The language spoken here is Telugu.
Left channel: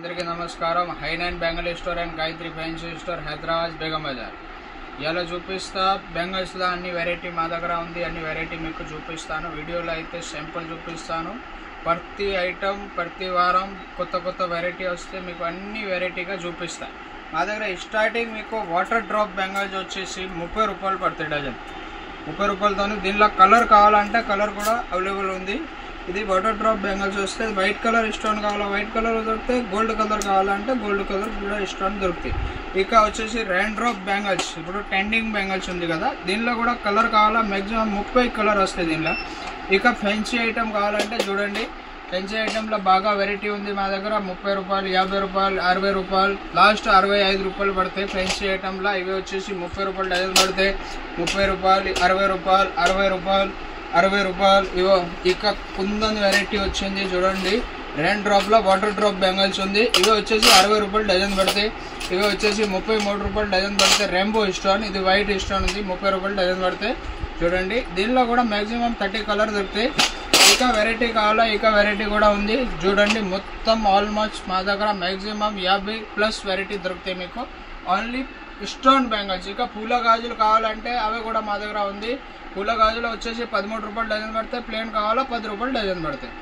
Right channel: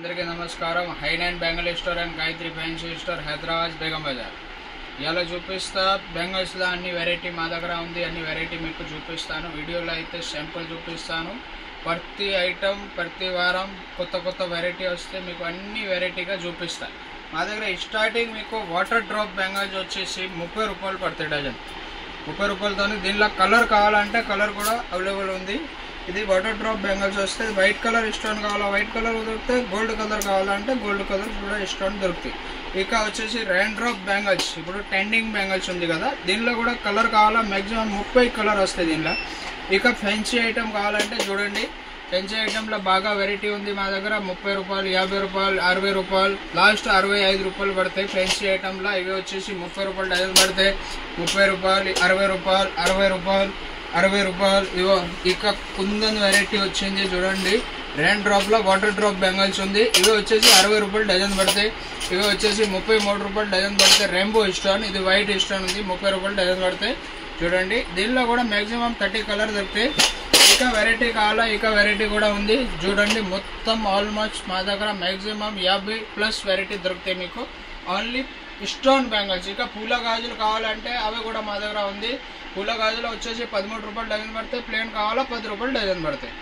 అందరికీ నమస్కారం. హైనైన్ bangle store and Gayatri fancy store, Hyderabad, Begum Bazaar. ఇలా చూపిస్తా బెంగల్స్లో అన్ని వెరైటీ మా దగ్గర ఉంది. అన్ని వెరైటీ మీకు చూపిస్తాను. వీడియోలో అయితే సింపుల్ చూపిస్తాను. ప్రతి ఐటమ్ ప్రతి వారం కొత్త వెరైటీ వస్తే మీకు అన్ని వెరైటీగా చూపిస్తాను. మా దగ్గర స్టార్టింగ్ మీకు వాటర్ డ్రాప్ బెంగల్స్ వచ్చేసి 30 రూపాయలు పడతాయి డజన్. 30 రూపాయలతో దీనిలో కలర్ కావాలంటే కలర్ కూడా అవైలబుల్ ఉంది. ఇది వాటర్ డ్రాప్ బెంగల్స్ వస్తే వైట్ కలర్ స్టోన్ కావాలా వైట్ కలర్ దొరుకుతాయి, గోల్డ్ కలర్ కావాలంటే గోల్డ్ కలర్ కూడా స్టోన్ దొరుకుతాయి. ఇక వచ్చేసి రెయిన్ డ్రాప్ బెంగల్స్, ఇప్పుడు ట్రెండింగ్ బెంగల్స్ ఉంది కదా, దీనిలో కూడా కలర్ కావాలా మ్యాక్సిమం 30 కలర్ వస్తాయి దీనిలో. ఇక ఫెన్సీ ఐటమ్ కావాలంటే చూడండి, ఫెన్సీ ఐటెంలో బాగా వెరైటీ ఉంది మా దగ్గర. 30 రూపాయలు, 50 రూపాయలు, 60 రూపాయలు, లాస్ట్ 65 రూపాయలు పడతాయి ఫెన్సీ ఐటెంలో. ఇవి వచ్చేసి 30 రూపాయలు డజన్ పడతాయి. 30 రూపాయలు, 60 రూపాయలు, 60 రూపాయలు, 60 రూపాయలు. ఇవో ఇక కుందన్ వెరైటీ వచ్చింది చూడండి, రెయిన్ డ్రాప్లో వాటర్ డ్రాప్ బెంగల్స్ ఉంది. ఇవి వచ్చేసి 60 రూపాయలు డజన్ పడతాయి. ఇవి వచ్చేసి 33 రూపాయలు డజన్ పడతాయి. రెయిన్బో స్టోన్, ఇది వైట్ స్టోన్ ఉంది, 30 రూపాయలు డజన్ పడతాయి. చూడండి, దీనిలో కూడా మ్యాక్సిమం 30 కలర్ దొరుకుతాయి. ఇక వెరైటీ కావాలా, ఇక వెరైటీ కూడా ఉంది చూడండి. మొత్తం ఆల్మోస్ట్ మా దగ్గర మ్యాక్సిమం 50+ వెరైటీ దొరుకుతాయి మీకు, ఓన్లీ స్టోన్ బెంగల్స్. ఇక పూల గాజులు కావాలంటే అవి కూడా మా దగ్గర ఉంది. పూల గాజులు వచ్చేసి 13 రూపాయలు డజన్ పడతాయి. ప్లేన్ కావాలా 10 రూపాయలు డజన్ పడతాయి.